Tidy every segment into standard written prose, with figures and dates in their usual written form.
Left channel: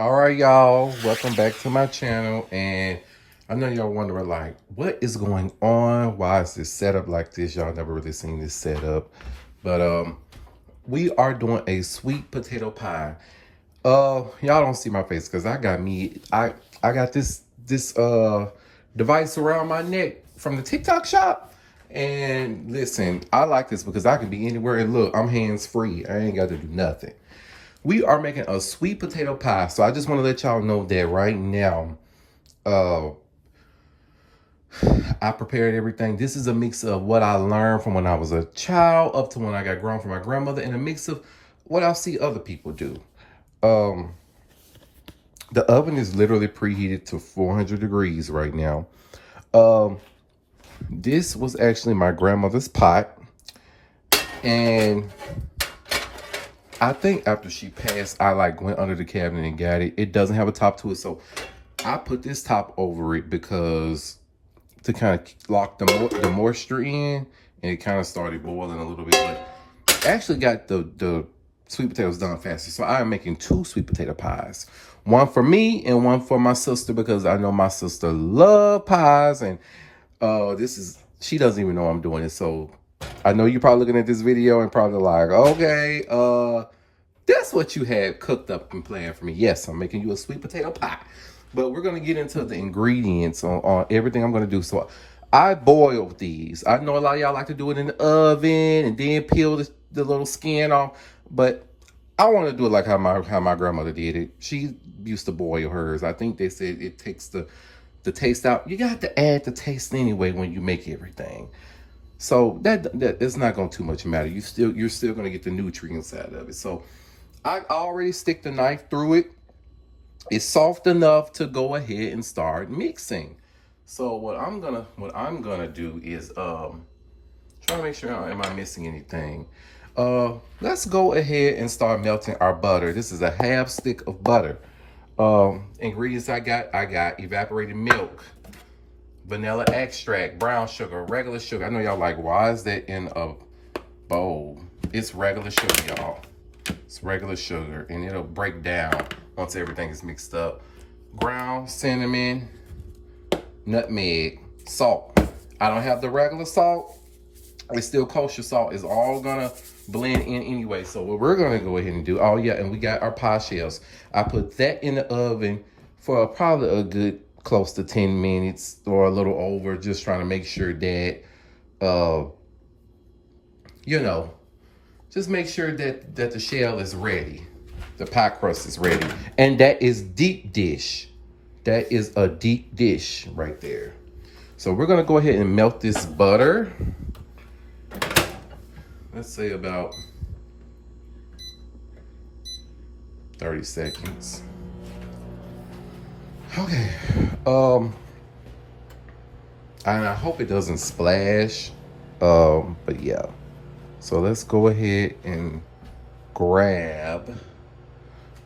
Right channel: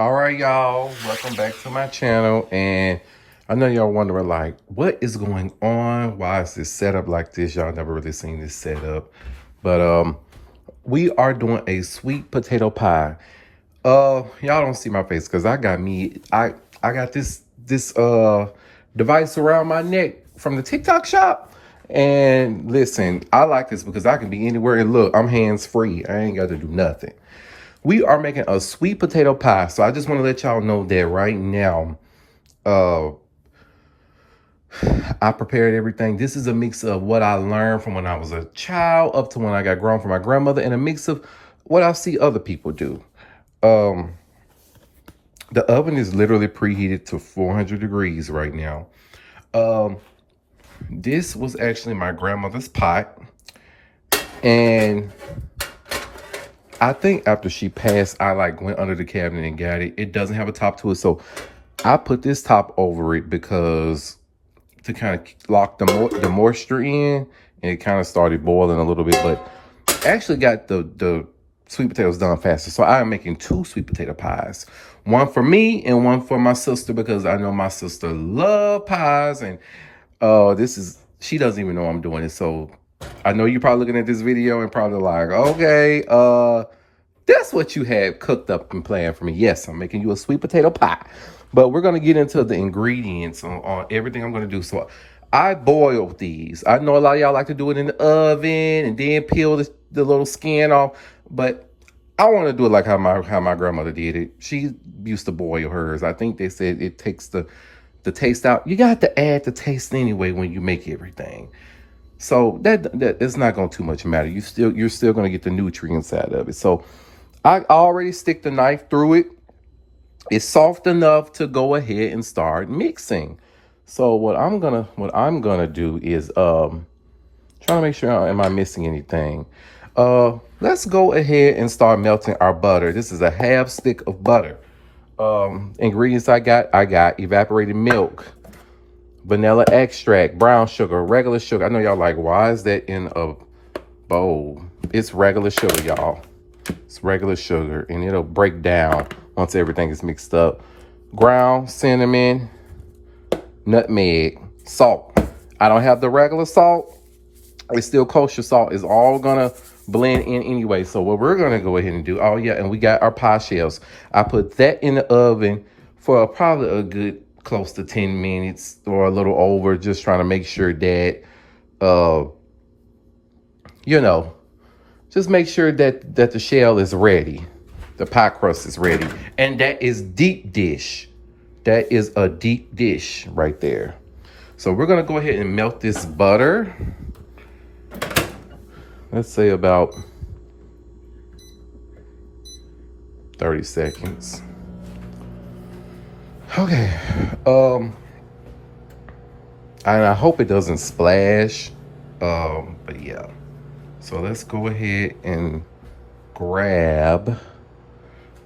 All right, y'all. Welcome back to my channel. And I know y'all wondering, like, what is going on? Why is this set up like this? Y'all never really seen this setup. But we are doing a sweet potato pie. Y'all don't see my face because I got this device around my neck from the TikTok shop. And listen, I like this because I can be anywhere. And look, I'm hands free. I ain't got to do nothing. We are making a sweet potato pie. So I just want to let y'all know that right now, uh, I prepared everything. This is a mix of what I learned from when I was a child up to when I got grown from my grandmother, and a mix of what I see other people do. Um, the oven is literally preheated to 400 degrees right now. Um, this was actually my grandmother's pot, and I think after she passed, I like went under the cabinet and got it. It doesn't have a top to it, so I put this top over it because to kind of lock the moisture in, and it kind of started boiling a little bit, but actually got the sweet potatoes done faster. So I am making two sweet potato pies, one for me and one for my sister, because I know my sister love pies, and she doesn't even know I'm doing it. So I know you're probably looking at this video and probably like, okay, that's what you had cooked up and planned for me. Yes, I'm making you a sweet potato pie. But we're going to get into the ingredients on everything I'm going to do. So I boiled these. I know a lot of y'all like to do it in the oven and then peel the little skin off. But I want to do it like how my grandmother did it. She used to boil hers. I think they said it takes the taste out. You got to add the taste anyway when you make everything. So that it's not going to too much matter. You're still going to get the nutrients out of it. So I already stick the knife through it. It's soft enough to go ahead and start mixing. So what I'm gonna do is try to make sure am I missing anything. Let's go ahead and start melting our butter. This is a half stick of butter. Ingredients I got evaporated milk, vanilla extract, brown sugar, regular sugar. I know y'all like, why is that in a bowl? It's regular sugar, y'all. It's regular sugar, and it'll break down once everything is mixed up. Ground cinnamon, nutmeg, salt. I don't have the regular salt. It's still kosher salt. It's all gonna blend in anyway. So what we're gonna go ahead and do, oh yeah, and we got our pie shells. I put that in the oven for probably a good close to 10 minutes or a little over, just trying to make sure that, just make sure that the shell is ready. The pie crust is ready. And that is deep dish. That is a deep dish right there. So we're going to go ahead and melt this butter. Let's say about 30 seconds. Okay. And I hope it doesn't splash. But yeah. So let's go ahead and grab.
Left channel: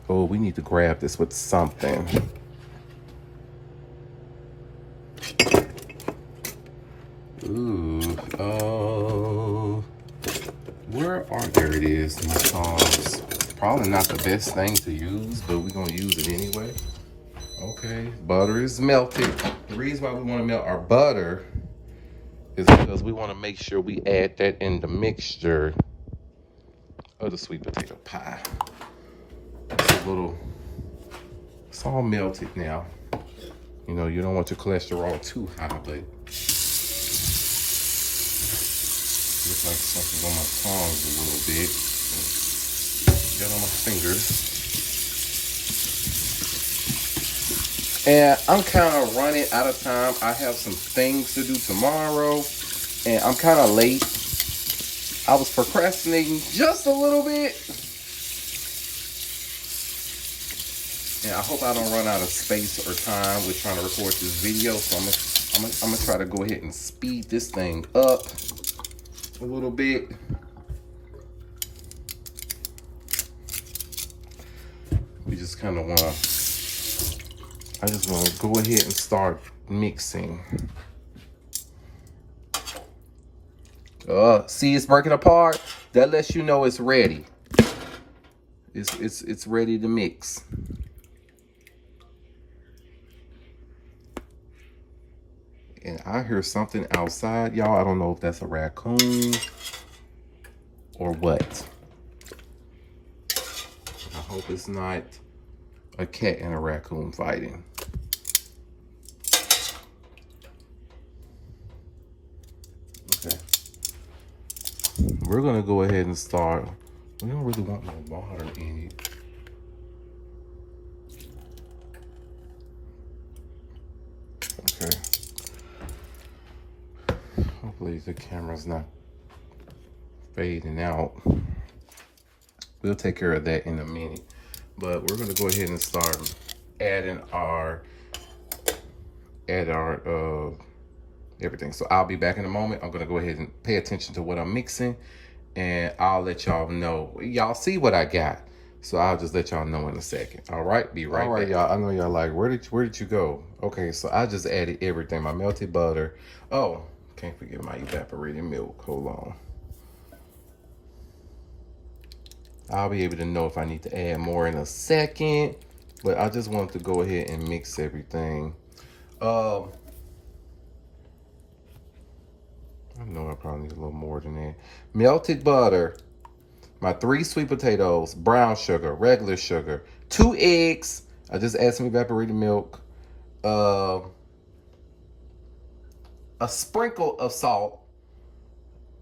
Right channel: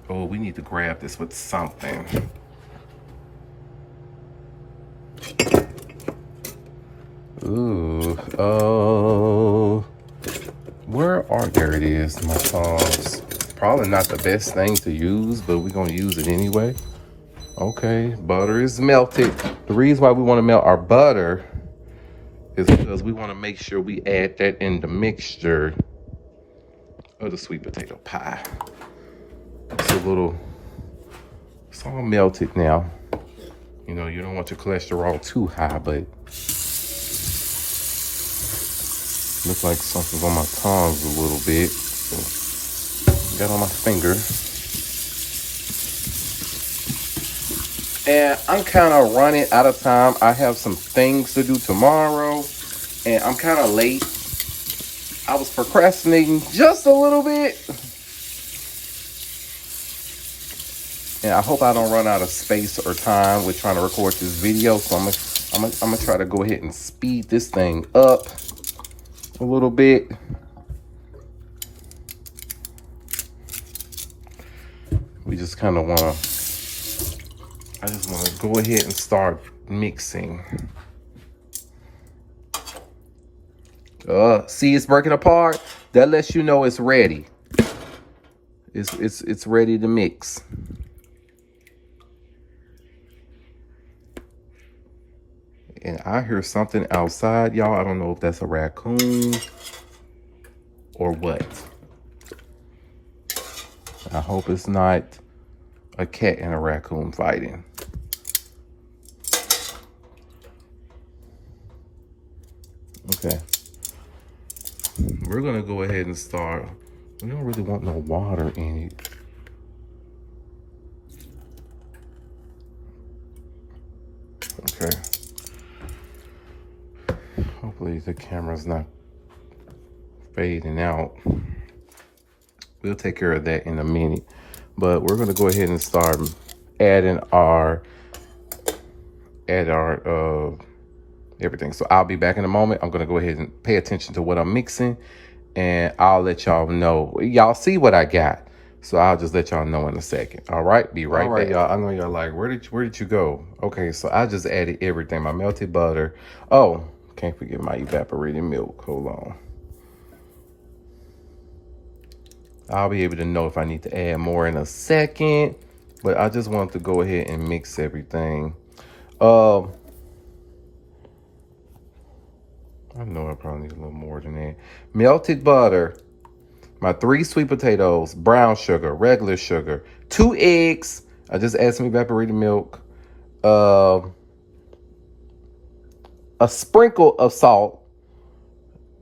Oh, we need to grab this with something. Ooh, there it is, my tongs. Probably not the best thing to use, but we're gonna use it anyway. Okay, butter is melted. The reason why we wanna melt our butter is because we wanna make sure we add that in the mixture of the sweet potato pie. It's all melted now. You know, you don't want your cholesterol too high, but looks like something's on my tongs a little bit. Got on my fingers. And I'm kind of running out of time. I have some things to do tomorrow, and I'm kind of late. I was procrastinating just a little bit. And I hope I don't run out of space or time with trying to record this video. So I'm gonna try to go ahead and speed this thing up a little bit. We just kind of I just want to go ahead and start mixing. See, it's breaking apart. That lets you know it's ready. It's ready to mix. And I hear something outside, y'all. I don't know if that's a raccoon or what. I hope it's not a cat and a raccoon fighting. Okay. We're gonna go ahead and start. We don't really want no water in it. Okay. Hopefully the camera's not fading out. We'll take care of that in a minute. But we're gonna go ahead and start adding our everything. So I'll be back in a moment. I'm gonna go ahead and pay attention to what I'm mixing, and I'll let y'all know. Y'all see what I got. So I'll just let y'all know in a second. All right, be right back. Y'all. I know y'all like, where did you go? Okay, so I just added everything. My melted butter. Oh, can't forget my evaporated milk. Hold on. I'll be able to know if I need to add more in a second, but I just want to go ahead and mix everything. I know I probably need a little more than that. Melted butter, my 3 sweet potatoes, brown sugar, regular sugar, 2 eggs. I just add some evaporated milk, a sprinkle of salt,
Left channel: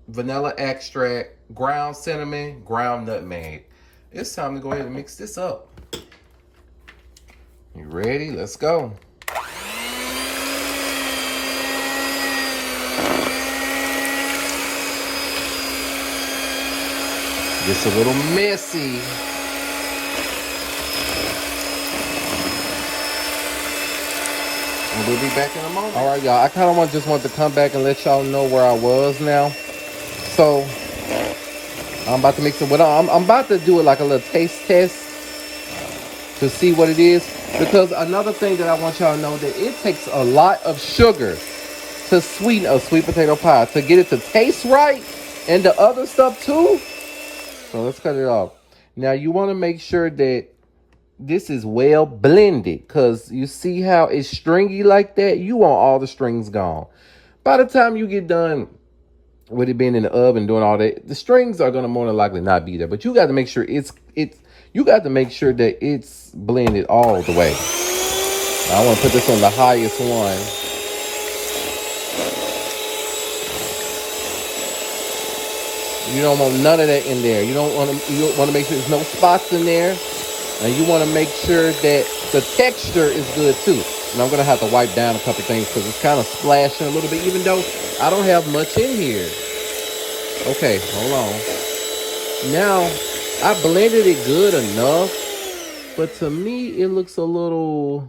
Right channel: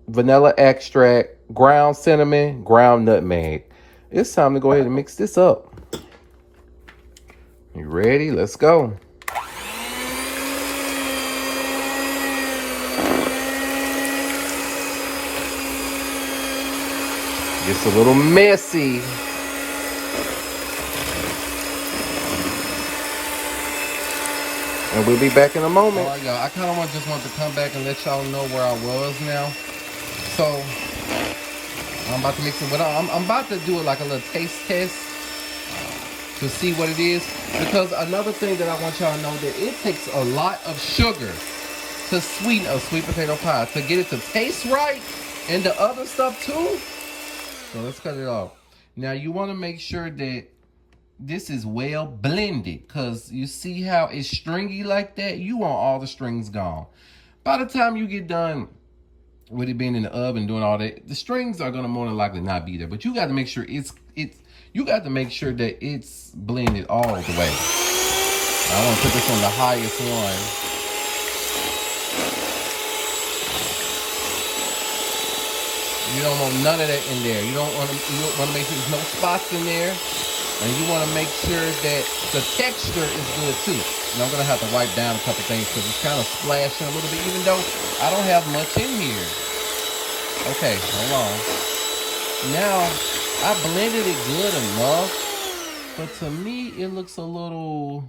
vanilla extract, ground cinnamon, ground nutmeg. It's time to go ahead and mix this up. You ready? Let's go. Gets a little messy. And we'll be back in a moment. All right, y'all. I kind of just want to come back and let y'all know where I was now. So I'm about to mix it with. I'm about to do it like a little taste test to see what it is. Because another thing that I want y'all to know, that it takes a lot of sugar to sweeten a sweet potato pie, to get it to taste right, and the other stuff too. So let's cut it off. Now you want to make sure that this is well blended, because you see how it's stringy like that? You want all the strings gone. By the time you get done with it being in the oven doing all that, the strings are going to more than likely not be there. But you got to make sure you got to make sure that it's blended all the way. I want to put this on the highest one. You don't want none of that in there. You want to make sure there's no spots in there. And you want to make sure that the texture is good too. And I'm going to have to wipe down a couple things because it's kind of splashing a little bit, even though I don't have much in here. Okay, hold on. Now, I blended it good enough, but to me, it looks a little,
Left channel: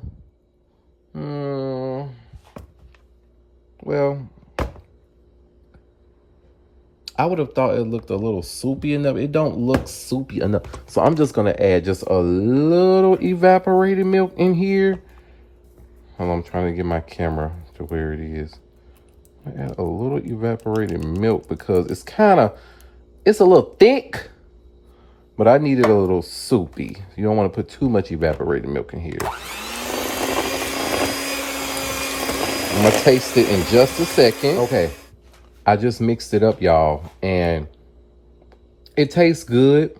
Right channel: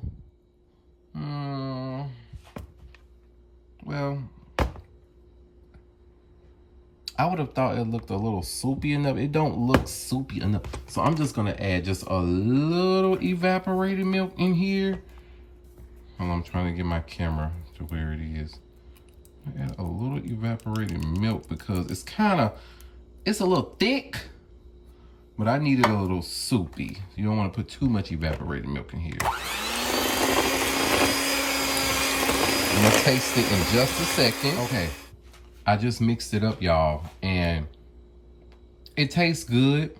well, I would have thought it looked a little soupy enough. It don't look soupy enough. So I'm just going to add just a little evaporated milk in here. Hold on, I'm trying to get my camera to where it is. I add a little evaporated milk because it's a little thick, but I need it a little soupy. You don't want to put too much evaporated milk in here. I'm going to taste it in just a second. Okay. I just mixed it up, y'all, and it tastes good.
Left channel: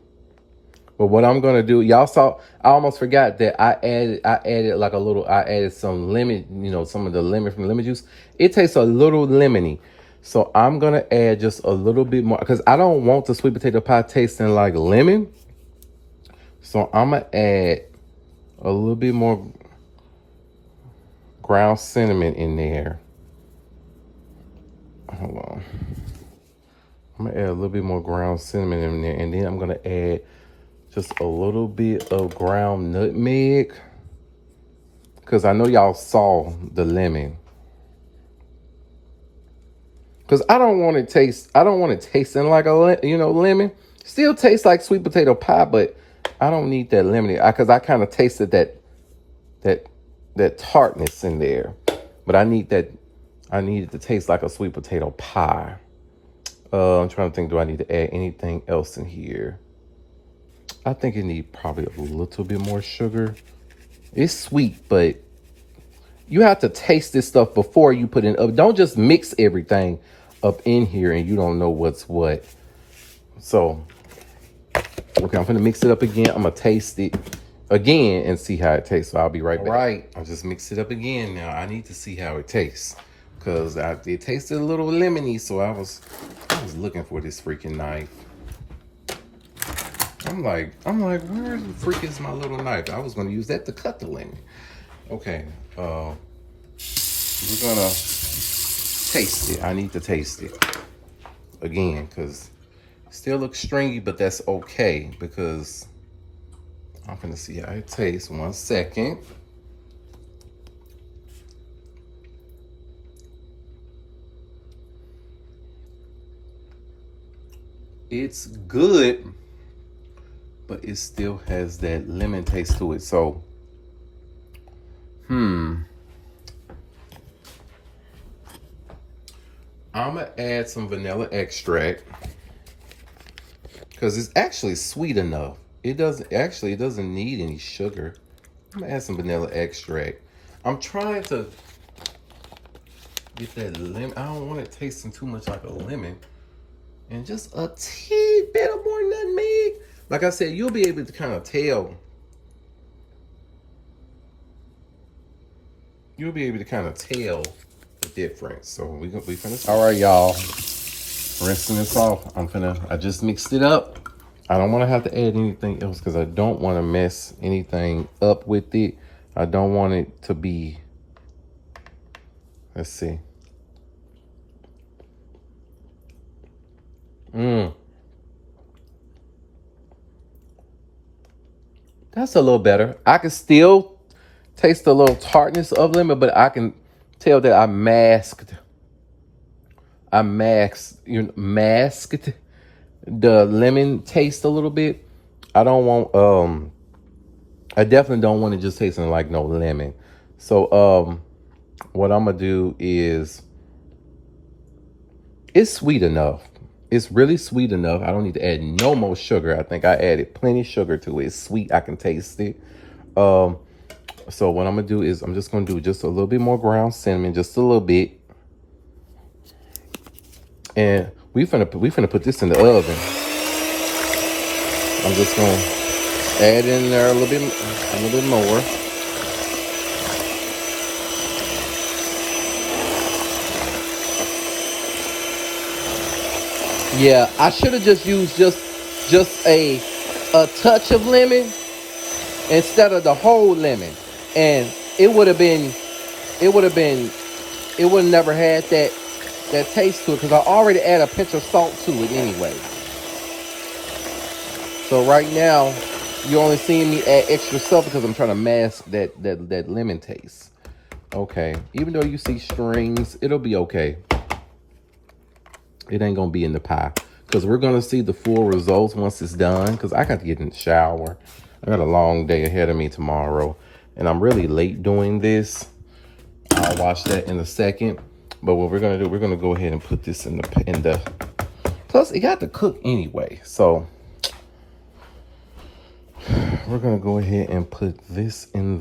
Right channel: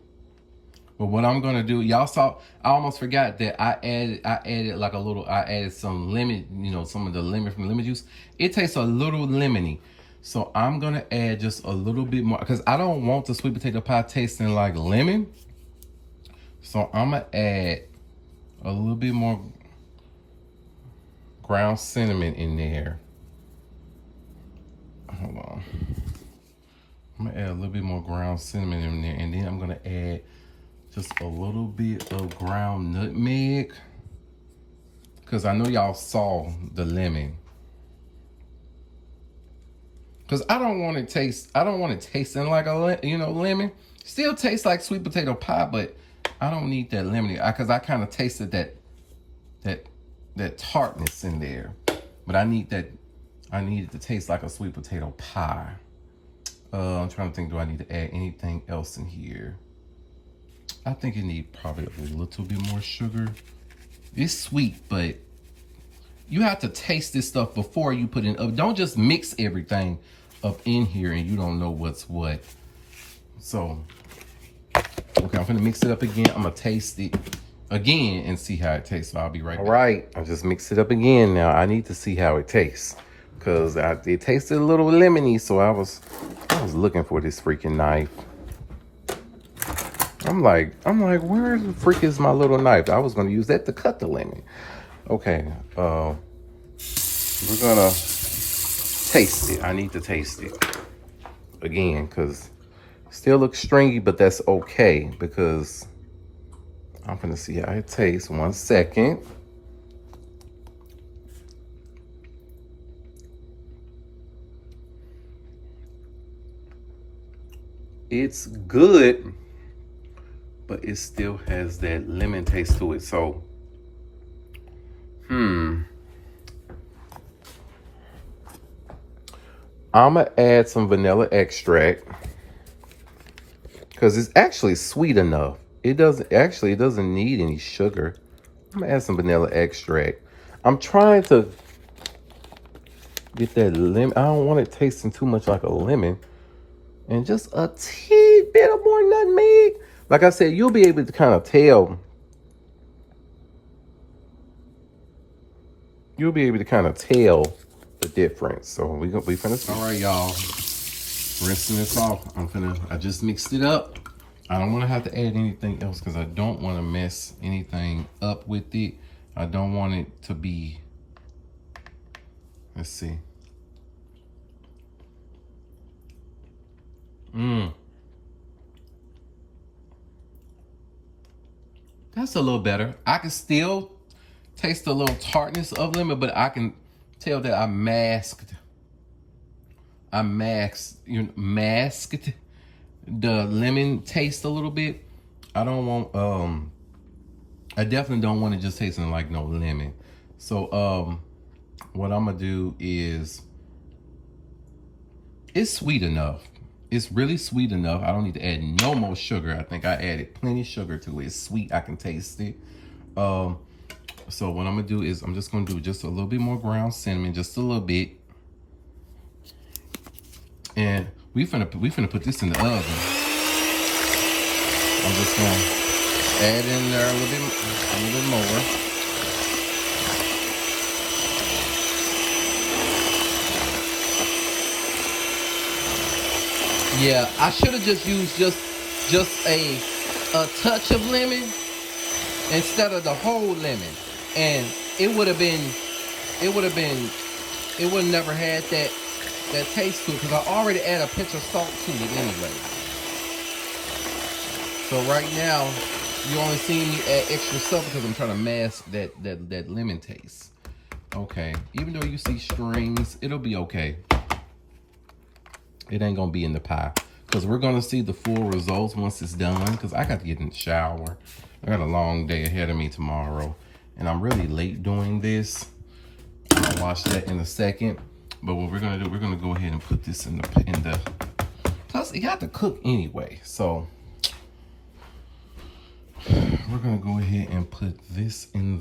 But what I'm gonna do, y'all saw, I almost forgot that I added some lemon, some of the lemon from lemon juice. It tastes a little lemony. So I'm gonna add just a little bit more, because I don't want the sweet potato pie tasting like lemon. So I'm gonna add a little bit more ground cinnamon in there. Hold on. I'm gonna add a little bit more ground cinnamon in there, and then I'm gonna add just a little bit of ground nutmeg, because I know y'all saw the lemon. Because I don't want it tasting like a lemon. Still tastes like sweet potato pie, but I don't need that lemony, because I kind of tasted that tartness in there, but I need it to taste like a sweet potato pie. I'm trying to think, do I need to add anything else in here? I think it needs probably a little bit more sugar. It's sweet, but you have to taste this stuff before you put it up. Don't just mix everything up in here and you don't know what's what. So, okay, I'm gonna mix it up again. I'm gonna taste it again and see how it tastes. So I'll be right back. All right, I just mixed it up again. Now I need to see how it tastes because it tasted a little lemony. So I was looking for this freaking knife. I'm like, where the freak is my little knife? I was gonna use that to cut the lemon. Okay, we're gonna taste it. I need to taste it again because it still looks stringy, but that's okay because I'm gonna see how it tastes. 1 second. It's good, but it still has that lemon taste to it. So, I'm gonna add some vanilla extract because it's actually sweet enough. It doesn't need any sugar. I'm gonna add some vanilla extract. I'm trying to get that lemon. I don't want it tasting too much like a lemon. And just a teeny bit of more nutmeg. Like I said, you'll be able to kind of tell. You'll be able to kind of tell the difference. So we finna see. All right, y'all. Rinsing this off. I just mixed it up. I don't want to have to add anything else because I don't want to mess anything up with it. I don't want it to be, let's see. That's a little better. I can still taste the little tartness of lemon, but I can tell that I masked the lemon taste a little bit. I don't want, I definitely don't want it just tasting like no lemon. So, what I'm gonna do is, it's sweet enough. It's really sweet enough. I don't need to add no more sugar. I think I added plenty of sugar to it. It's sweet. I can taste it. So what I'm gonna do is I'm just gonna do just a little bit more ground cinnamon, just a little bit. And we finna put this in the oven. I'm just gonna add in there a little bit more. Yeah, I should have just used just a touch of lemon instead of the whole lemon, and it would have never had that taste to it because I already add a pinch of salt to it anyway. So right now you're only seeing me add extra salt because I'm trying to mask that lemon taste. Okay, even though you see strings, it'll be okay. It ain't gonna be in the pie because we're gonna see the full results once it's done because I got to get in the shower. I got a long day ahead of me tomorrow and I'm really late doing this. I'll watch that in a second. But what we're gonna do, we're gonna go ahead and put this in the plus it got to cook anyway. So we're gonna go ahead and put this in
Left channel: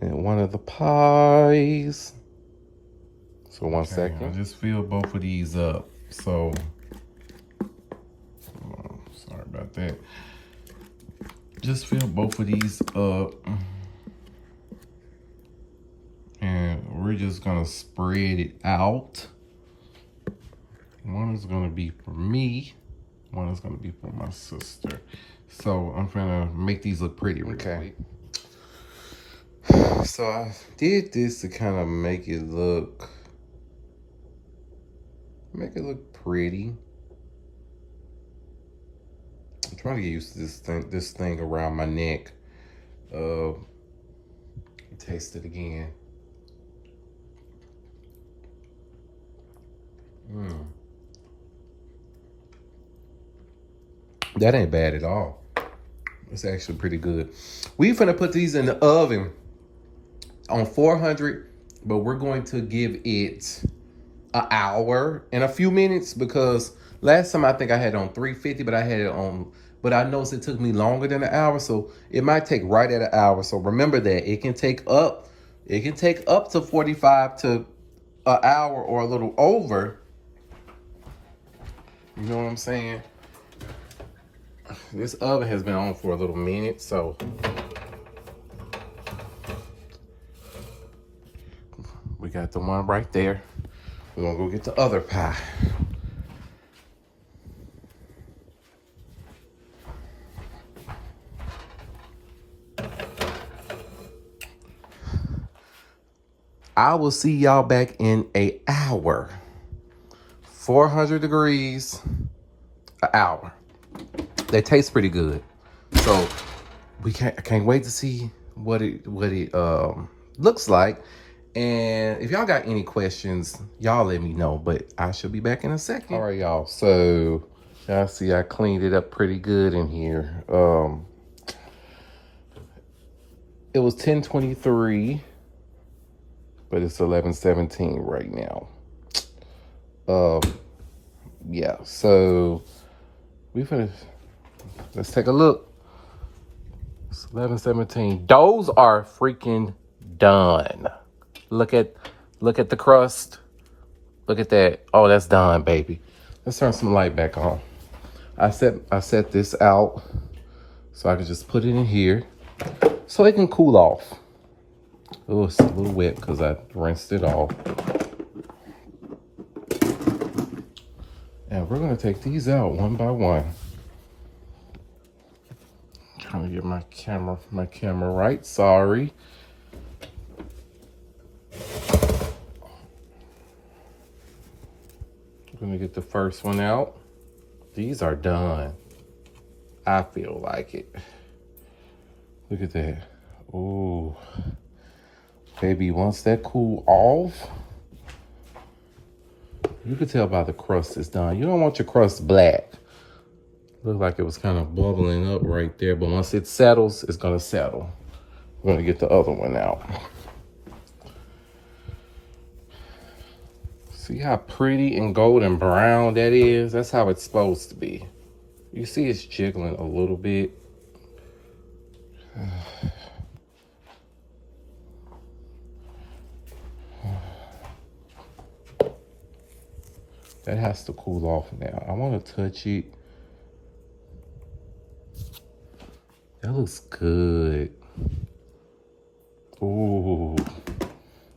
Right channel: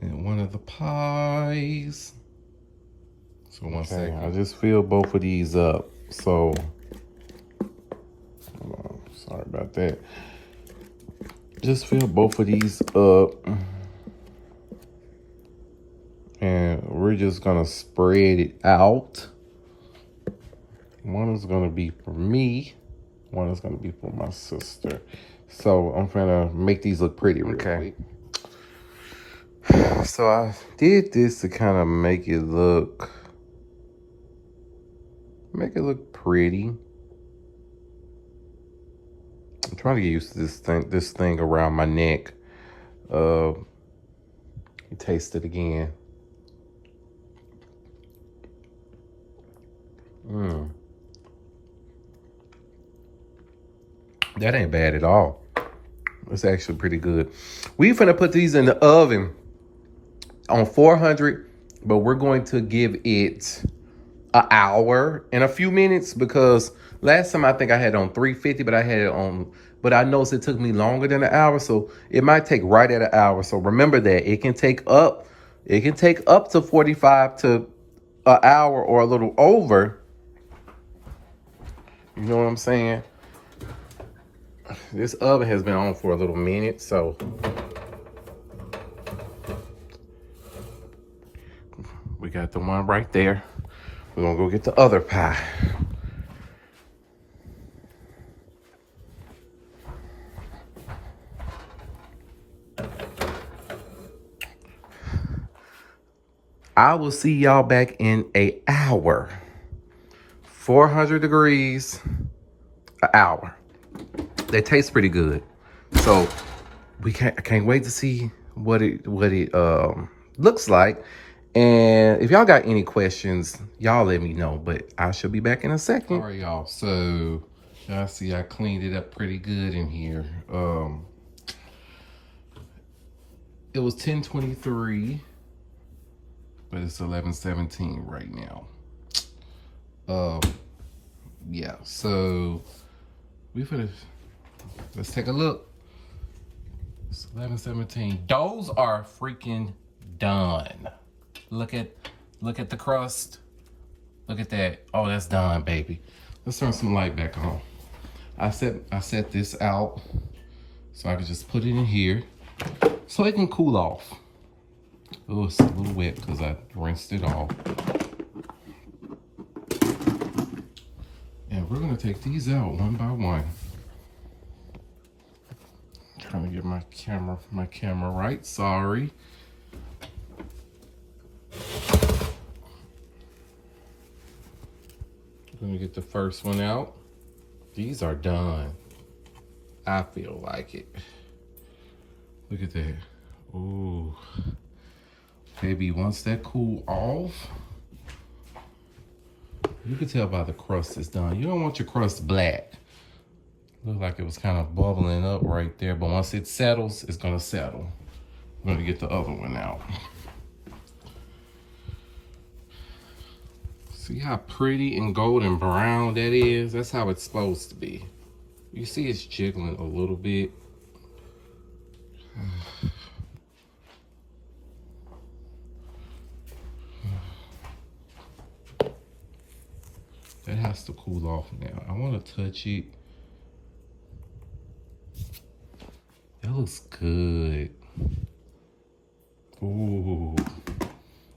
one of the pies. So 1 second, I just fill both of these up. So, sorry about that. Just fill both of these up. And we're just gonna spread it out. One is gonna be for me. One is gonna be for my sister. So I'm gonna make these look pretty real quick. So I did this to kind of make it look pretty. I'm trying to get used to this thing around my neck. Taste it again. That ain't bad at all. It's actually pretty good. We finna put these in the oven on 400, but we're going to give it an hour and a few minutes because last time I think I had it on 350, but I noticed it took me longer than an hour, so it might take right at an hour. So remember that it can take up It can take up to 45 to an hour or a little over. You know what I'm saying? This oven has been on for a little minute, so we got the one right there. We're gonna go get the other pie. I will see y'all back in an hour. 400 degrees, an hour. They taste pretty good. So I can't wait to see what it looks like. And if y'all got any questions, y'all let me know. But I shall be back in a second. All right, y'all. So y'all see I cleaned it up pretty good in here. It was 10:23, but it's 11:17 right now. Yeah. So let's take a look. It's 11:17. Those are freaking done. Look at the crust. Look at that. Oh, that's done, baby. Let's turn some light back on. I set this out so I can just put it in here so it can cool off. Oh, it's a little wet because I rinsed it off. And we're gonna take these out one by one. Trying to get my camera right. Sorry. I'm gonna get the first one out. These are done. I feel like it. Look at that. Ooh. Baby, once that cool off, you can tell by the crust is done. You don't want your crust black. Looked like it was kind of bubbling up right there, but once it settles, it's gonna settle. We're gonna get the other one out. See how pretty and golden brown that is? That's how it's supposed to be. You see it's jiggling a little bit. That has to cool off now. I want to touch it. That looks good. Ooh.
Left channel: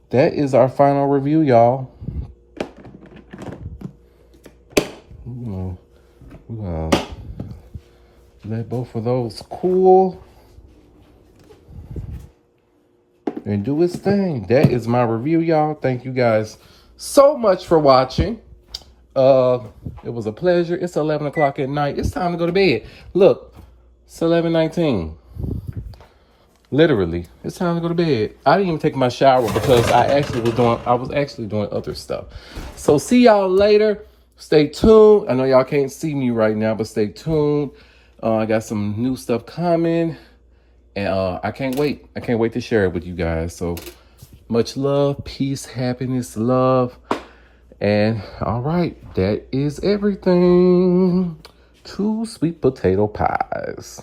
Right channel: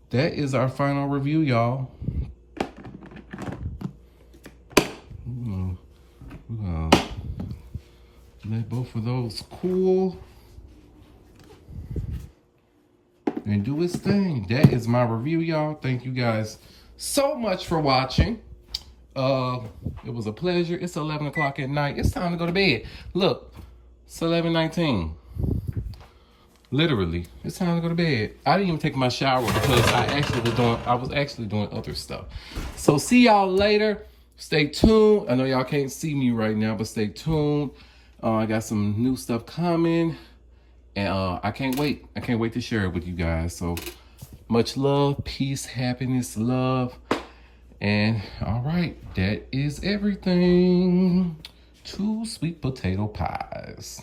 That is our final review, y'all. We're gonna let both of those cool and do its thing. That is my review, y'all. Thank you guys so much for watching. It was a pleasure. It's 11 o'clock at night. It's time to go to bed. Look, it's 11:19. Literally, it's time to go to bed. I didn't even take my shower because I was actually doing other stuff. So see y'all later. Stay tuned. I know y'all can't see me right now, but stay tuned. I got some new stuff coming, and I can't wait. I can't wait to share it with you guys. So much love, peace, happiness, love. And all right, that is everything. 2 sweet potato pies.